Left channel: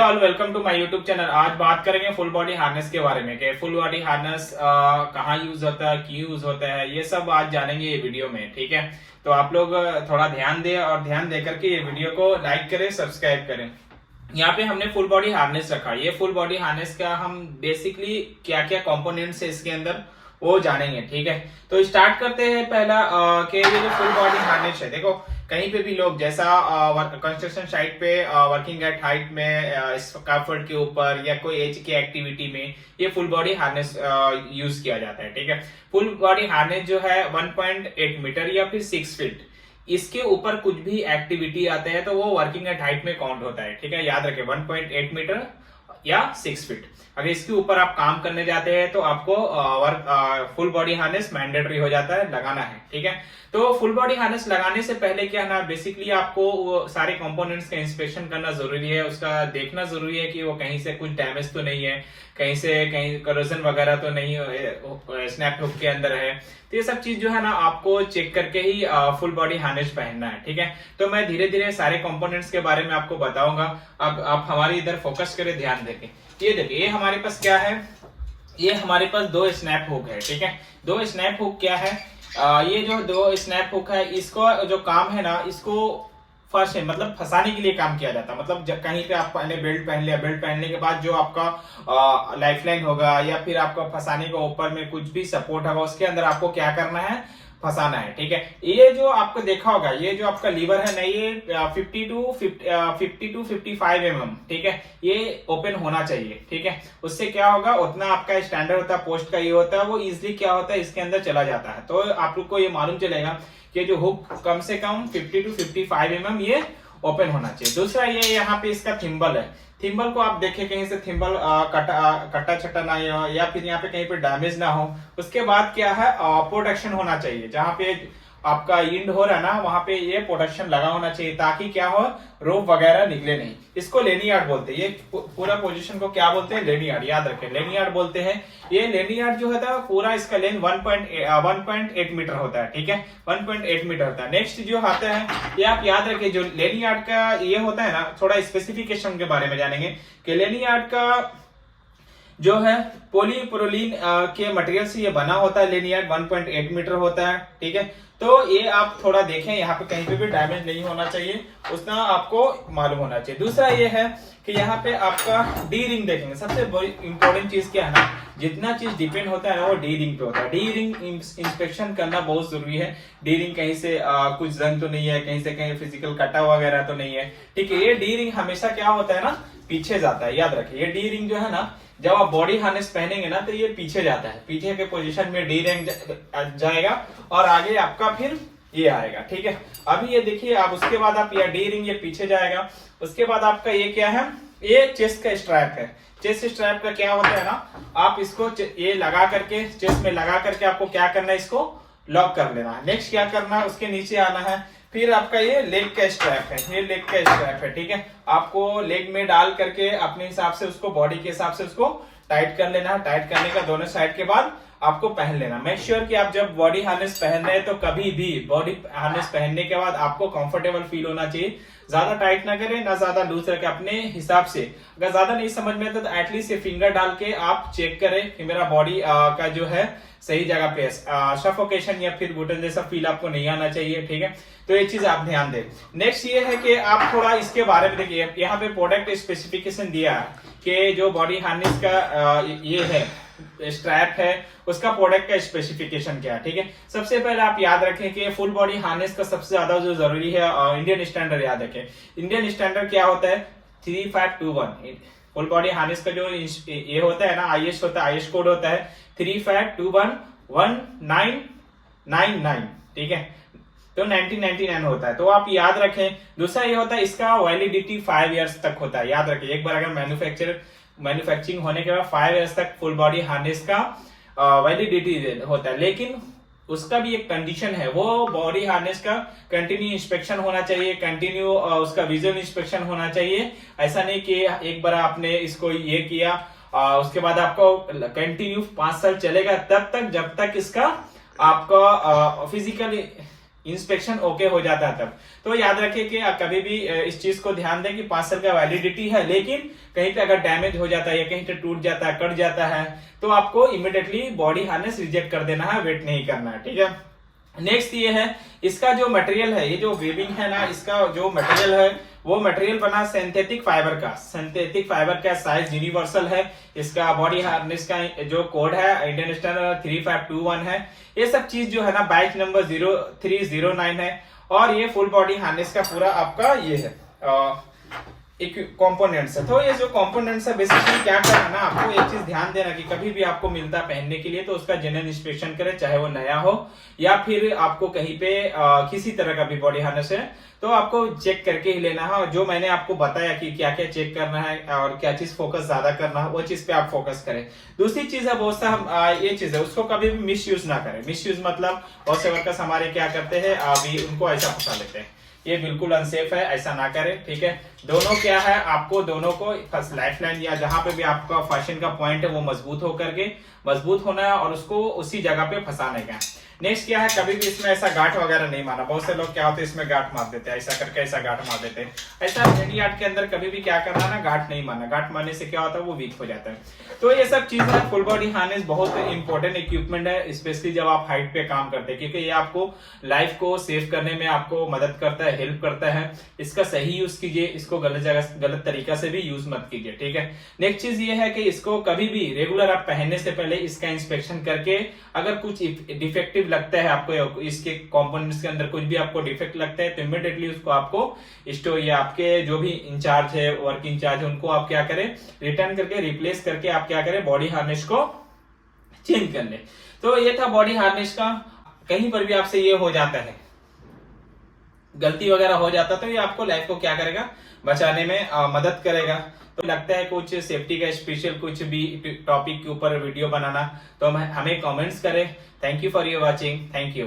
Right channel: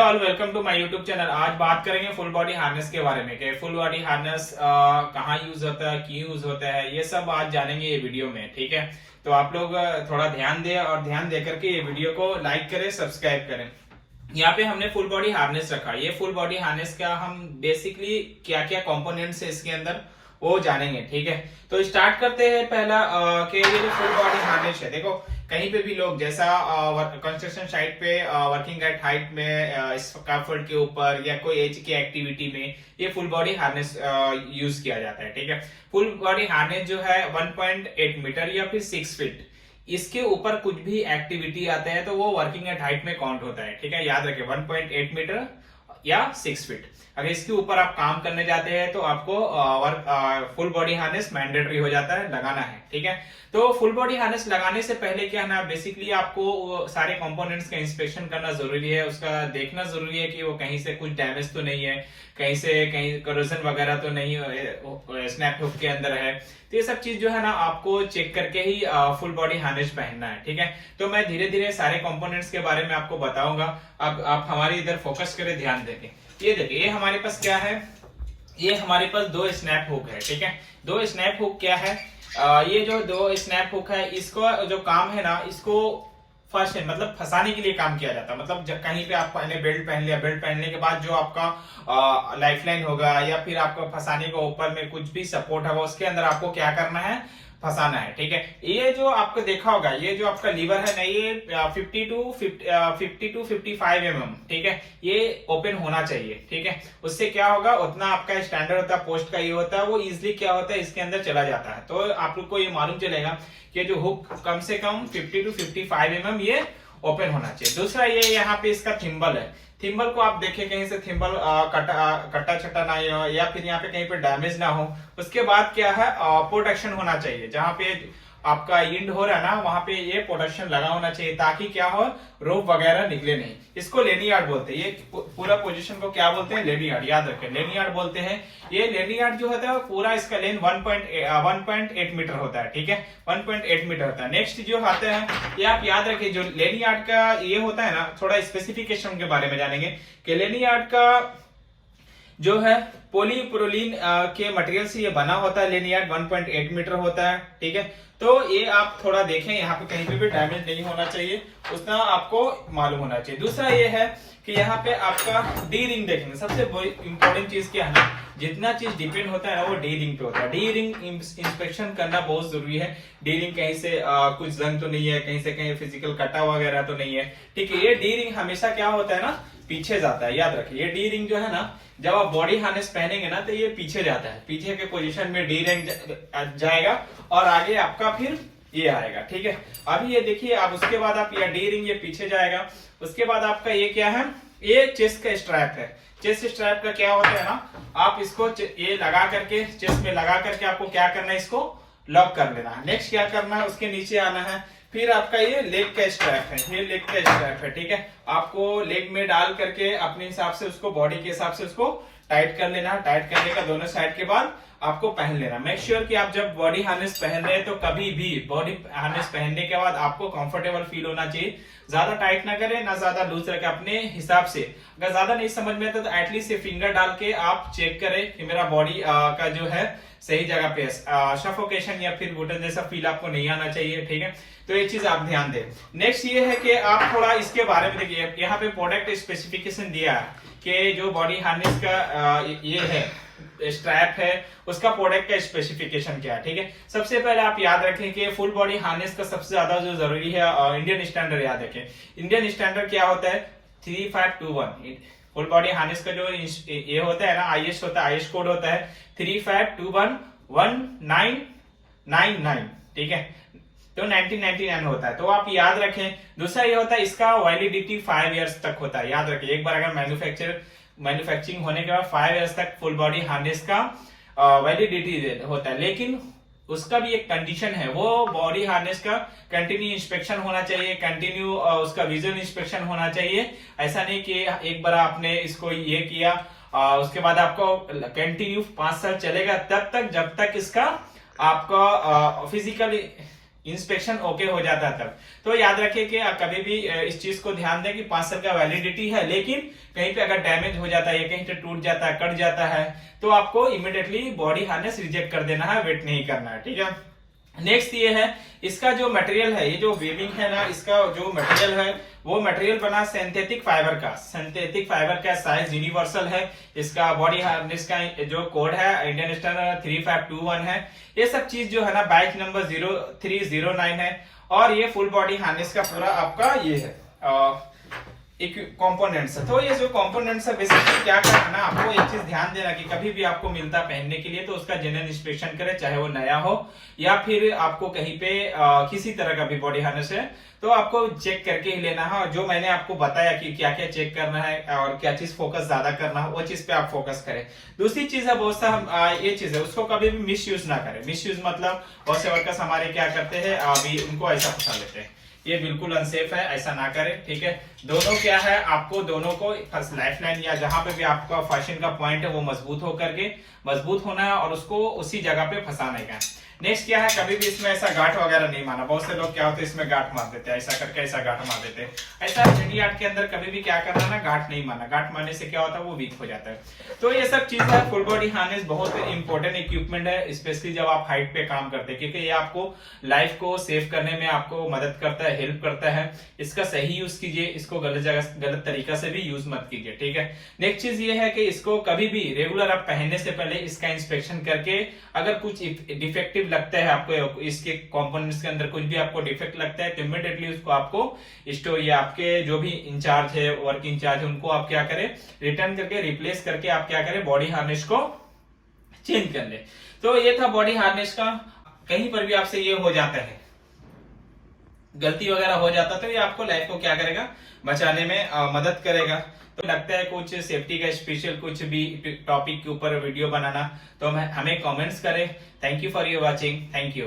Hello all, welcome to my YouTube channel. आज बात करेंगे फुल बॉडी हार्नेस के बारे में कि फुल बॉडी हार्नेस कहाँ यूज होता है, क्यों यूज होता है, ये सब आज जानेंगे ये वीडियो में। ठीक है, तो आप लोग थोड़ा ध्यान दें और ध्यान दे करके ये वीडियो को लाइक करें, सब्सक्राइब करें। यहाँ पे हमने फुल बॉडी हार्नेस रखा। ये फुल बॉडी हार्नेस का हम बेसिकली क्या क्या कंपोनेंट्स है इसके अंदर वो जानेंगे। ठीक है, तो स्टार्ट करते हैं। पहला कि ये जो फुल बॉडी हार्नेस है, देखो कहीं पे भी लोग जैसा कंस्ट्रक्शन साइट पे वर्किंग एट हाइट में स्कैफोल्ड के ऊपर या कोई एज की एक्टिविटी में ये फुल बॉडी हार्नेस यूज किया जाता है। ठीक है, फुल बॉडी हार्नेस जो है 1.8 मीटर या फिर 6 फीट, इसके ऊपर कुछ भी एक्टिविटी आते हैं तो वो वर्किंग एट हाइट में काउंट होता है। ठीक है, याद रखें 1.8 मीटर या 6 फीट। अगर इसके ऊपर आप काम करने जाते हैं तो आपको फुल बॉडी हार्नेस मैंडेटरी हो जाता है, लगाना है। ठीक है, तो फुल बॉडी हार्नेस लगाने से पहले क्या है ना, बेसिकली आपको वो सारे कंपोनेंट्स का इंस्पेक्शन करना जरूरी है, उसका देखना जरूरी है कि वो कहीं से कुछ डैमेज तो नहीं है, कहीं से कहीं करोजन वगैरह तो नहीं स्नैप हुक के अंदर है। तो ये सब चीज जो है ना आपको चेक करके ही फुल बॉडी हार्नेस पहनना है। ठीक है, तो मैं धीरे धीरे सारे कंपोनेंट्स के बारे में आपको बताऊंगा। अब आप हमारी इधर फोकस करें, ध्यान देके। ये देखिए, ये हमारे पास क्या है, ये हमारे पास दो स्नैप हुक है। ठीक है, दो स्नैप हुक क्या है, ये जो दो स्नैप हुक है, इसको जो काम है ना, इसको फर्स्ट है मतलब फंसाने के लिए काम किया जाता है। मतलब कहीं पे आप पहले बेल्ट पहन लिया, बेल्ट पहनने के बाद जो आपका लाइफलाइन होगा या फिर आपको फंसाने के ऊपर में कुछ भी सपोर्ट होगा, उसके अंदर आपको क्या करना है, फंसाना है। ठीक है, ये जो आपको देखा होगा, ये जो आपका लीवर है ना, ये 50 टू 55 mm, ठीक है, ये ओपन होना चाहिए। ठीक है, उससे क्या होगा, उतना आपका स्टैंडर्ड होता है, पोस्ट का ये होता है, वो इजिली क्या होता है इसके अंदर चला जाता है। तो आप लोग को ये मालूम चलेगा कि जो हुक कम से कम 50 टू 55 mm ये ओपन होना चाहिए। दूसरा ये यहाँ पे इसका थिम्बल है। थिम्बल को आप देखें कहीं से थिम्बल कटा छटा ना हो या फिर यहाँ पे कहीं पे डैमेज ना हो। उसके बाद क्या है, प्रोटेक्शन होना चाहिए। जहाँ पे आपका इंड हो रहा है ना, वहां पे ये प्रोटेक्शन लगा होना चाहिए ताकि क्या हो, रोप वगैरह निकले नहीं। इसको लेनियार्ड बोलते हैं। ये पूरा पोजीशन को क्या बोलते हैं, लेनियार्ड। याद रखें, लेनियार्ड बोलते हैं। ये लेनियार्ड जो होता है पूरा इसका लेंथ 1.8 मीटर होता है। ठीक है, 1.8 मीटर होता है। नेक्स्ट जो आता है, ये आप याद रखें, जो लेनियार्ड का ये होता है ना, थोड़ा स्पेसिफिकेशन के बारे में जानेंगे कि लेनियार्ड का जो है पॉलीप्रोलीन के मटेरियल से ये बना होता है। लेनियार्ड 1.8 मीटर होता है। ठीक है, तो ये आप थोड़ा देखें, यहाँ पे कहीं पे भी डैमेज नहीं होना चाहिए, उतना आपको मालूम होना चाहिए। दूसरा ये है कि यहाँ पे आपका डी रिंग देखेंगे। सबसे इंपॉर्टेंट चीज क्या है ना, जितना चीज डिपेंड होता है ना वो डी रिंग पे होता है। डी रिंग इंस्पेक्शन करना बहुत जरूरी है। डी रिंग कहीं से कुछ जंग तो नहीं है, कहीं से कहीं फिजिकल कटा वगैरह तो नहीं है। ठीक है, ये डी रिंग हमेशा क्या होता है ना, पीछे जाता है। याद रखिए, ये डी रिंग जो है ना, जब आप बॉडी हार्नेस पहनेंगे ना तो ये पीछे जाता है, पीछे के पोजीशन में डी रिंग जाएगा और आगे आपका फिर ये आएगा। ठीक है, अभी ये देखिए आप, उसके बाद आप ये डी रिंग ये पीछे जाएगा। उसके बाद आपका ये क्या है, ये चेस्ट का स्ट्रैप है। चेस्ट स्ट्रैप का क्या होता है ना, आप इसको ये लगा करके चेस्ट में लगा करके आपको क्या करना है, इसको लॉक कर लेना है। नेक्स्ट क्या करना है, उसके नीचे आना है। फिर आपका ये लेग का स्ट्रैप है, ये लेग का स्ट्रैप है। ठीक है, आपको लेग में डाल करके अपने हिसाब से उसको, बॉडी के हिसाब से उसको टाइट कर लेना है। टाइट करने का दोनों साइड के बाद आपको पहन लेना। मेक श्योर कि आप जब बॉडी हार्नेस पहन रहे हैं तो कभी भी बॉडी हार्नेस पहनने के बाद आपको कंफर्टेबल फील होना चाहिए। ज्यादा टाइट ना करें, ना ज्यादा लूज रखें, अपने हिसाब से। अगर ज्यादा नहीं समझ में आता तो एटलीस्ट फिंगर डाल के आप चेक करें कि मेरा बॉडी का जो है सही जगह पे, सफोकेशन या फिर घुटन जैसा फील आपको नहीं आना चाहिए। ठीक है, तो ये चीज आप ध्यान दें। नेक्स्ट ये है कि आप थोड़ा इसके बारे में देखिए, यहाँ पे प्रोडक्ट स्पेसिफिकेशन दिया है कि जो बॉडी हार्नेस का ये है स्ट्रैप है, उसका प्रोडक्ट का स्पेसिफिकेशन क्या है। ठीक है, सबसे पहले आप याद रखें कि फुल बॉडी हार्नेस का सबसे ज्यादा जो जरूरी है इंडियन स्टैंडर्ड। याद रखें, इंडियन स्टैंडर्ड क्या होता है, 3521। फुल बॉडी हार्नेस का जो ये होता है ना, आईएस होता है, आईएस कोड होता है 35211999। ठीक है, तो 1999 होता है, तो आप याद रखें। दूसरा ये होता है, इसका वैलिडिटी 5 इयर्स तक होता है। याद रखें, एक बार अगर मैन्युफैक्चरिंग होने के बाद 5 इयर्स तक फुल बॉडी हार्नेस का वैलिडिटी होता है। लेकिन उसका भी एक कंडीशन है, वो बॉडी हार्नेस का कंटिन्यू इंस्पेक्शन होना चाहिए, कंटिन्यू उसका विजुअल इंस्पेक्शन होना चाहिए। ऐसा नहीं कि एक बार आपने इसको ये किया उसके बाद आपको कंटिन्यू 5 साल चलेगा, तब तक जब तक इसका आपका फिजिकल इंस्पेक्शन ओके हो जाता है तब। तो याद रखिए कि आप कभी भी इस चीज को ध्यान दें कि 5 साल का वैलिडिटी है, लेकिन कहीं पे अगर डैमेज हो जाता है या कहीं पे टूट जाता है, कट जाता है, तो आपको इमिडिएटली बॉडी हार्नेस रिजेक्ट कर देना है, वेट नहीं करना है, ठीक है। नेक्स्ट ये है, इसका जो मटेरियल है, ये जो वेविंग है ना, इसका जो मटेरियल है वो मटेरियल बना सिंथेटिक फाइबर का। सिंथेटिक फाइबर का साइज यूनिवर्सल है। इसका बॉडी हार्नेस का जो कोड है इंडियन स्टैंडर्ड 3521 है। ये सब चीज जो है ना बाइक नंबर 0309 है। और ये फुल बॉडी हार्नेस का पूरा आपका ये है एक कंपोनेंट्स है। तो ये जो कंपोनेंट्स है बेसिकली क्या करना ना, आपको एक चीज ध्यान देना कि कभी भी आपको मिलता पहनने के लिए तो उसका जेन्युइन इंस्पेक्शन करें, चाहे वो नया हो या फिर आपको कहीं पे किसी तरह का भी बॉडी हार्नेस है तो आपको चेक करके ही लेना है। और जो मैंने आपको बताया कि क्या क्या चेक करना है और क्या चीज फोकस ज्यादा करना है, वो चीज पे आप फोकस करें। दूसरी चीज है बहुत सा ये चीज है, उसको कभी भी मिस यूज ना करें। मिस यूज मतलब बहुत से वर्कर्स हमारे क्या करते हैं, अभी उनको ऐसा फंसा लेते हैं, ये बिल्कुल अनसेफ है, ऐसा ना करें, ठीक है। दोनों क्या है, आपको दोनों को लाइफ लाइन या जहां पे भी आपका फैशन का पॉइंट है वो मजबूत होना है और उसको उसी जगह पे फंसाने का। नेक्स्ट क्या है, कभी भी इसमें ऐसा गांठ वगैरह नहीं मारना। बहुत से लोग क्या होते हैं इसमें गांठ मार देते हैं, ऐसा करके ऐसा गांठ मार देते हैं। ऐसा इंडिया आर्ट के अंदर कभी भी क्या करना ना, गांठ नहीं मारना। गांठ मारने से क्या होता है, वो वीक हो जाता है। तो ये सब चीज है। फुल बॉडी हार्नेस बहुत इंपॉर्टेंट इक्विपमेंट है, स्पेशली जब आप हाइट पे काम करते हैं, क्योंकि ये आपको लाइफ को सेव करने में आपको मदद करता है, हेल्प करता है। इसका सही यूज कीजिए, इसको गलत तरीका से भी यूज मत कीजिए, ठीक है। नेक्स्ट चीज ये है कि इसको कभी भी रेगुलर आप पहनने से पहले इसका इंस्पेक्शन करके, अगर कुछ डिफेक्टिव लगता है आपको, इसके कंपोनेंट्स के अंदर कुछ भी आपको डिफेक्ट लगता है, तो इमीडिएटली उसको आपको स्टोर या आपके जो भी इंचार्ज है, वर्क इंचार्ज है, उनको आप क्या करें, रिटर्न करके रिप्लेस करके आप क्या करें, बॉडी हार्नेस को चेंज कर ले। तो ये था बॉडी हार्नेस का। कहीं पर भी आपसे ये हो जाता है, गलती वगैरह हो जाता, तो ये आपको लाइफ को क्या करेगा, बचाने में मदद करेगा। तो लगता है कुछ सेफ्टी का स्पेशल कुछ भी टॉपिक के ऊपर वीडियो बनाना, तो हमें कमेंट्स करें। Thank you for your watching, thank you.